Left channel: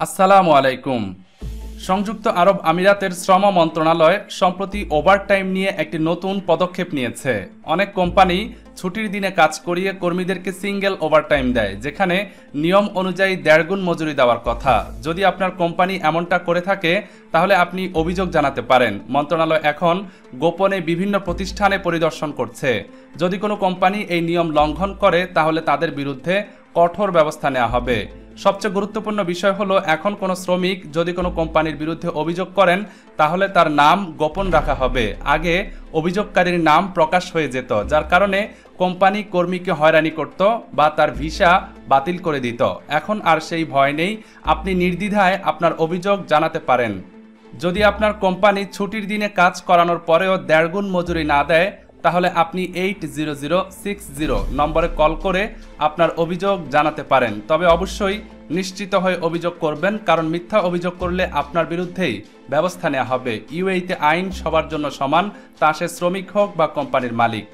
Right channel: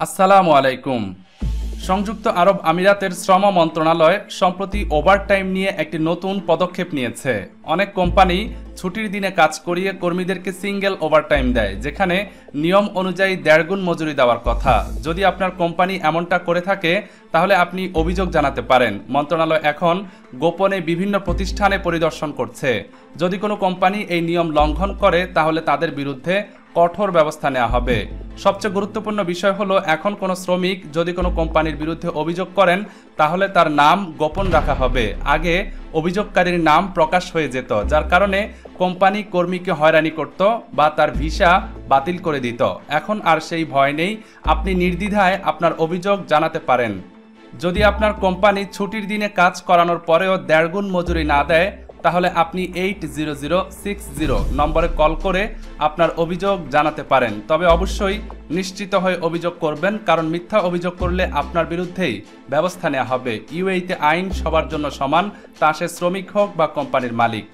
আসসালামু আলাইকুম। সংযুক্ত আরব আমিরাতের শ্রম মন্ত্রণালয় সম্প্রতি ওভারটাইম নিয়ে একটি নতুন পদক্ষেপ নিয়েছে। অনেক কোম্পানি ছুটির দিনে কাজ করিয়ে কর্মীদেরকে সিঙ্গেল ওভারটাইম দেয়, যেখানে নিয়ম অনুযায়ী 1.5 গুণ মজুরি দেওয়ার কথা। যদি আপনার কোম্পানি এমনটা করে থাকে তাহলে আপনি অভিযোগ জানাতে পারেন। মন্ত্রণালয় এখন গোপনে বিভিন্ন প্রতিষ্ঠানে পরিদর্শন করছে। যদি কোনো কোম্পানি এই নিয়ম লঙ্ঘন করে তাহলে তাদের বিরুদ্ধে কঠোর ব্যবস্থা নেওয়া হবে। সবচেয়ে গুরুত্বপূর্ণ বিষয় হলো, এখন কোনো শ্রমিক যদি কোনো কোম্পানির বিরুদ্ধে অভিযোগ করেন তাহলে তার নাম গোপন রাখা হবে। আগে অভিযোগকারীর নাম প্রকাশ হয়ে যেত, যার কারণে কোম্পানি কর্মীকে হয়রানি করত বা তার ভিসা বাতিল করে দিত। এখন আর সেই ভয় নেই, আপনি নির্দ্বিধায় আপনার অভিযোগ জানাতে পারেন। যদি আপনার কোম্পানি ছুটির দিনে কাজ করানোর পরেও 1.5 গুণ মজুরি না দেয় তাহলে আপনি 80060 নম্বরে কল করে আপনার অভিযোগ জানাতে পারেন। তবে অবশ্যই নিশ্চিত হয়ে অভিযোগ করবেন, কারণ মিথ্যা অভিযোগ করলে আপনার বিরুদ্ধেই ব্যবস্থা নেওয়া হবে। ইউএইতে আইন সবার জন্য সমান, তা সে শ্রমিক হোক বা কোম্পানির মালিক।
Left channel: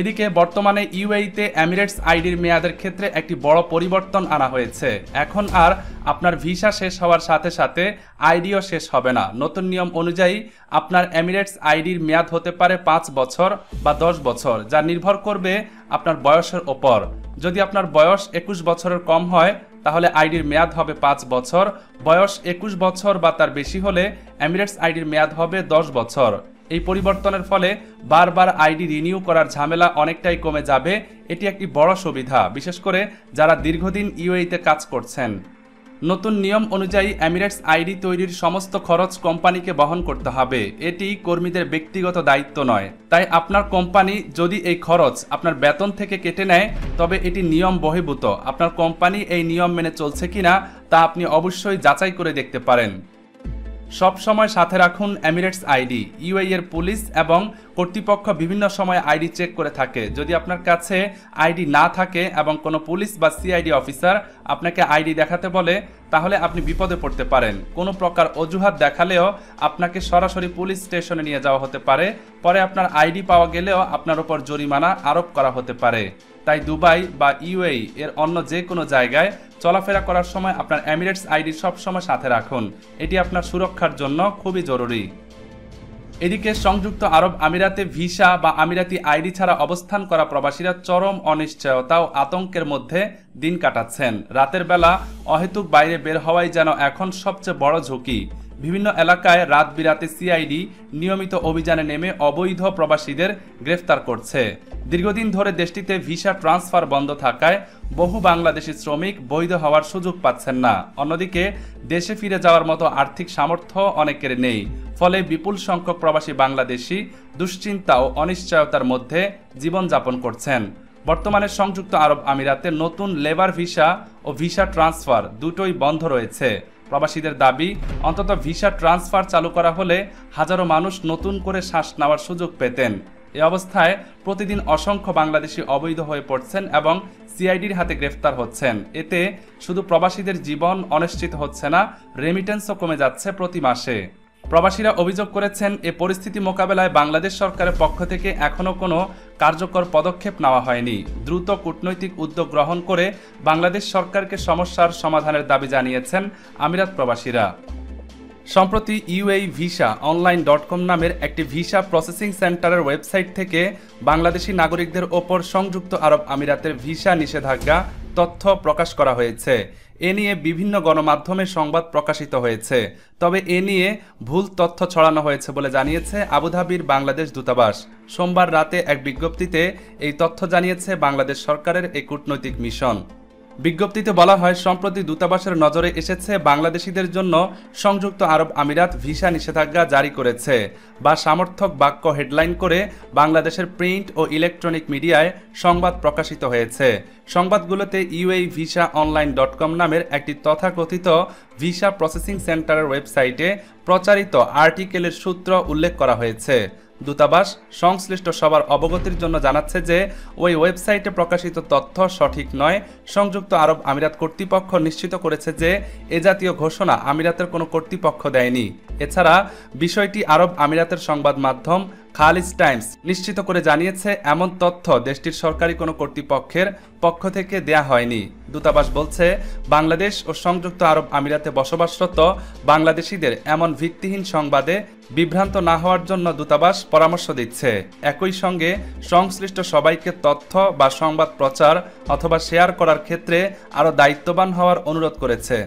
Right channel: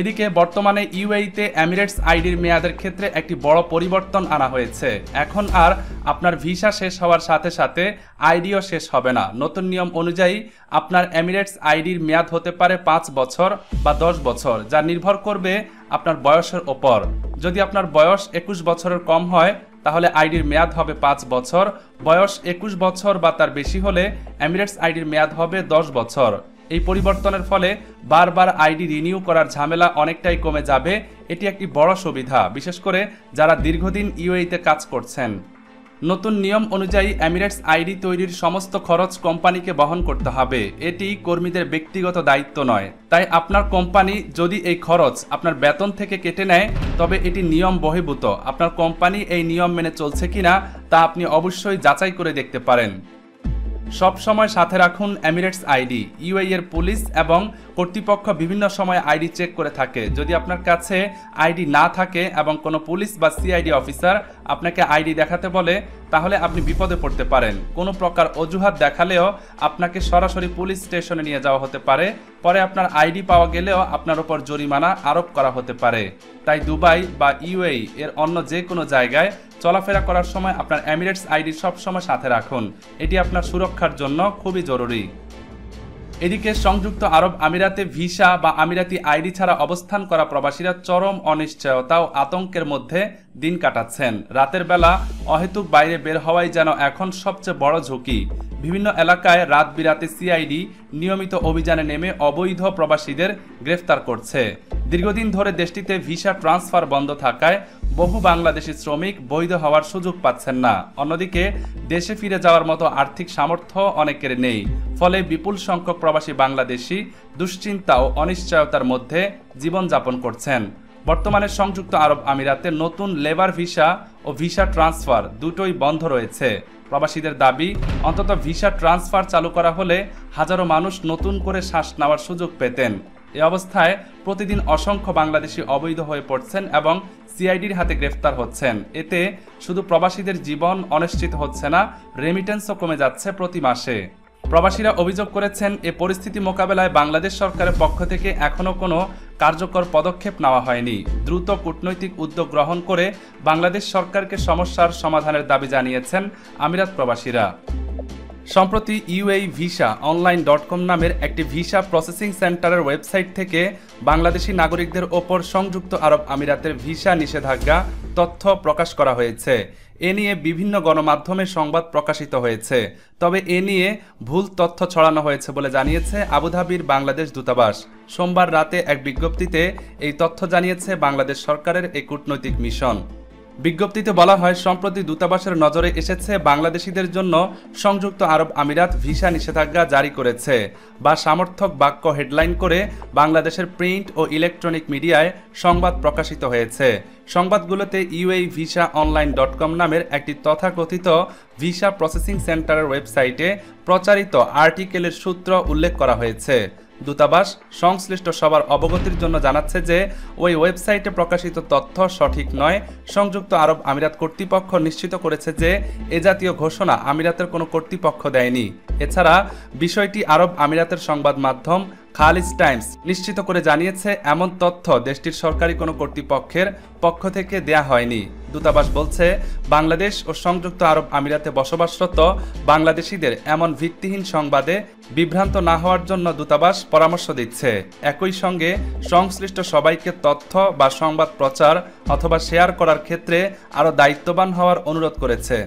এদিকে বর্তমানে ইউএইতে এমিরেটস আইডির মেয়াদের ক্ষেত্রে একটি বড় পরিবর্তন আনা হয়েছে। এখন আর আপনার ভিসা শেষ হওয়ার সাথে সাথে আইডিও শেষ হবে না। নতুন নিয়ম অনুযায়ী আপনার এমিরেটস আইডির মেয়াদ হতে পারে 5 বছর বা 10 বছর, যা নির্ভর করবে আপনার বয়সের ওপর। যদি আপনার বয়স 21 বছরের কম হয় তাহলে আইডির মেয়াদ হবে 5 বছর। বয়স 21 বছর বা তার বেশি হলে এমিরেটস আইডির মেয়াদ হবে 10 বছর। এই পরিবর্তনের ফলে বারবার আইডি রিনিউ করার ঝামেলা অনেকটাই কমে যাবে। এটি একটি বড় সুবিধা, বিশেষ করে যারা দীর্ঘদিন ইউএইতে কাজ করছেন। নতুন নিয়ম অনুযায়ী এমিরেটস আইডি তৈরির সমস্ত খরচ কোম্পানিকে বহন করতে হবে। এটি কর্মীদের ব্যক্তিগত দায়িত্ব নয়। তাই আপনার কোম্পানি যদি এই খরচ আপনার বেতন থেকে কেটে নেয় তবে এটি নিয়ম বহির্ভূত। আপনার কোম্পানি এই নিয়ম মেনে চলছে কিনা তা আপনি অবশ্যই যাচাই করে দেখতে পারেন। সব সময় সাথে রাখুন এমিরেটস আইডি। ইউএই এর পুলিশ এবং কর্তৃপক্ষ বিভিন্ন সময় আইডি চেক করে থাকে। যদি আপনার কাছে আইডি না থাকে এবং কোনো পুলিশ বা সিআইডি অফিসার আপনাকে আইডি দেখাতে বলে তাহলে আপনি বিপদে পড়তে পারেন। কোনো প্রকার অজুহাত দেখালেও আপনাকে সরাসরি পুলিশ স্টেশনে নিয়ে যাওয়া হতে পারে। পরে আপনার আইডি পাওয়া গেলেও আপনার উপর জরিমানা আরোপ করা হতে পারে। তাই দুবাই বা ইউএই এর অন্য যে কোনো জায়গায় চলাফেরা করার সময় আপনার এমিরেটস আইডি সবসময় সাথে রাখুন। এটি আপনার সুরক্ষার জন্য খুবই জরুরি। এদিকে সংযুক্ত আরব আমিরাতে ভিসা বা আমিরাতি আইডি ছাড়া অবস্থান করা প্রবাসীরা চরম অনিশ্চয়তা ও আতঙ্কের মধ্যে দিন কাটাচ্ছেন। রাতের বেলা অহেতুক বাইরে বের হওয়াই যেন এখন সবচেয়ে বড় ঝুঁকি। বিভিন্ন এলাকায় রাত বিরাতে সিআইডি নিয়মিত অভিযানে নেমে অবৈধ প্রবাসীদের গ্রেফতার করছে। দীর্ঘদিন ধরে দেশটিতে ভিসা ট্রান্সফার বন্ধ থাকায় বহু বাংলাদেশি শ্রমিক বৈধ হওয়ার সুযোগ পাচ্ছেন না। অন্যদিকে দেশে ফিরে যাওয়ার মতো আর্থিক সামর্থ্য অনেকের নেই। ফলে বিপুল সংখ্যক প্রবাসী বাংলাদেশি দুশ্চিন্তা ও অনিশ্চয়তার মধ্যে জীবনযাপন করছেন। বর্তমানে সংযুক্ত আরব আমিরাতে নতুন লেবার ভিসা ও ভিসা ট্রান্সফার দুটোই বন্ধ রয়েছে। প্রবাসীদের দাবি, অন্তত ভিসা ট্রান্সফার চালু করা হলে হাজারো মানুষ নতুন করে শ্বাস নেওয়ার সুযোগ পেতেন। এ অবস্থায় প্রতিদিন অসংখ্য বাংলাদেশি অবৈধ হয়ে পড়ছেন এবং সিআইডির হাতে গ্রেফতার হচ্ছেন। এতে শুধু প্রবাসীদের জীবন অনিশ্চিত হচ্ছে না, রেমিটেন্সও কমে যাচ্ছে প্রতি মাসে। প্রবাসীরা অভিযোগ করেছেন, এ পরিস্থিতি মোকাবেলায় বাংলাদেশ সরকারের পক্ষ থেকে এখনও কোনো কার্যকর পদক্ষেপ নেওয়া হয়নি। দ্রুত কূটনৈতিক উদ্যোগ গ্রহণ করে বাংলাদেশ সরকারকে সমস্যার সমাধানের দাবি জানিয়েছেন আমিরাত প্রবাসীরা। সম্প্রতি ইউএই ভিসা অনলাইন.com নামের একটি ভিসা প্রসেসিং সেন্টারের ওয়েবসাইট থেকে বাংলাদেশি নাগরিকদের ওপর সংযুক্ত আরব আমিরাতের ভিসা নিষেধাজ্ঞা তথ্য প্রকাশ করা হয়েছে। এ নিয়ে বিভিন্ন গণমাধ্যমে সংবাদ প্রকাশিত হয়েছে। তবে এ নিয়ে ভুল তথ্য ছড়ানো হয়েছে বলে জানিয়েছে আবুধাবির বাংলাদেশ দূতাবাস। সোমবার রাতে এক বিজ্ঞপ্তিতে এই তথ্য জানিয়েছে বাংলাদেশ সরকারের এই কূটনৈতিক মিশন। বিজ্ঞপ্তিতে বলা হয়, সম্প্রতি দূতাবাসের নজরে এসেছে বাংলাদেশিদের জন্য সংযুক্ত আরব আমিরাত ভিসা নিষেধাজ্ঞা জারি করেছে বা সমর্থক বাক্য হেডলাইন করে বাংলাদেশের প্রিন্ট ও ইলেকট্রনিক মিডিয়ায় সংবাদ প্রকাশিত হয়েছে। সংবাদগুলোতে ইউএই ভিসা অনলাইন.com নামের একটি তথাকথিত ভিসা প্রসেসিং সেন্টারের ওয়েবসাইটে প্রচারিত আর্টিকেলের সূত্র উল্লেখ করা হয়েছে। দূতাবাস সংশ্লিষ্ট সবার অবগতির জন্য জানাচ্ছে যে ওই ওয়েবসাইটে প্রকাশিত তথ্য সঠিক নয়। সংযুক্ত আরব আমিরাত কর্তৃপক্ষ নিশ্চিত করেছে যে এ জাতীয় ঘোষণা আমিরাতের কোনো কর্তৃপক্ষ দেয়নি। এছাড়া বিষয়টি আরব আমিরাতের সংবাদ মাধ্যম খালিজ টাইমস নিশ্চিত করে জানিয়েছে, এমন তথ্য দেশটির সরকারি কোনো কর্তৃপক্ষের পক্ষ থেকে দেয়া হয়নি। দূতাবাস বলছে, বাংলাদেশ ও সংযুক্ত আরব আমিরাতে বসবাসরত বাংলাদেশিদের এমন ভিত্তিহীন সংবাদে বিভ্রান্ত না হওয়ার জন্য দূতাবাস পরামর্শ দিচ্ছে। একই সঙ্গে সংশ্লিষ্ট সবাইকে তথ্য বা সংবাদ প্রচার অথবা শেয়ার করার ক্ষেত্রে আরও দায়িত্ববান হওয়ার অনুরোধ করেছে।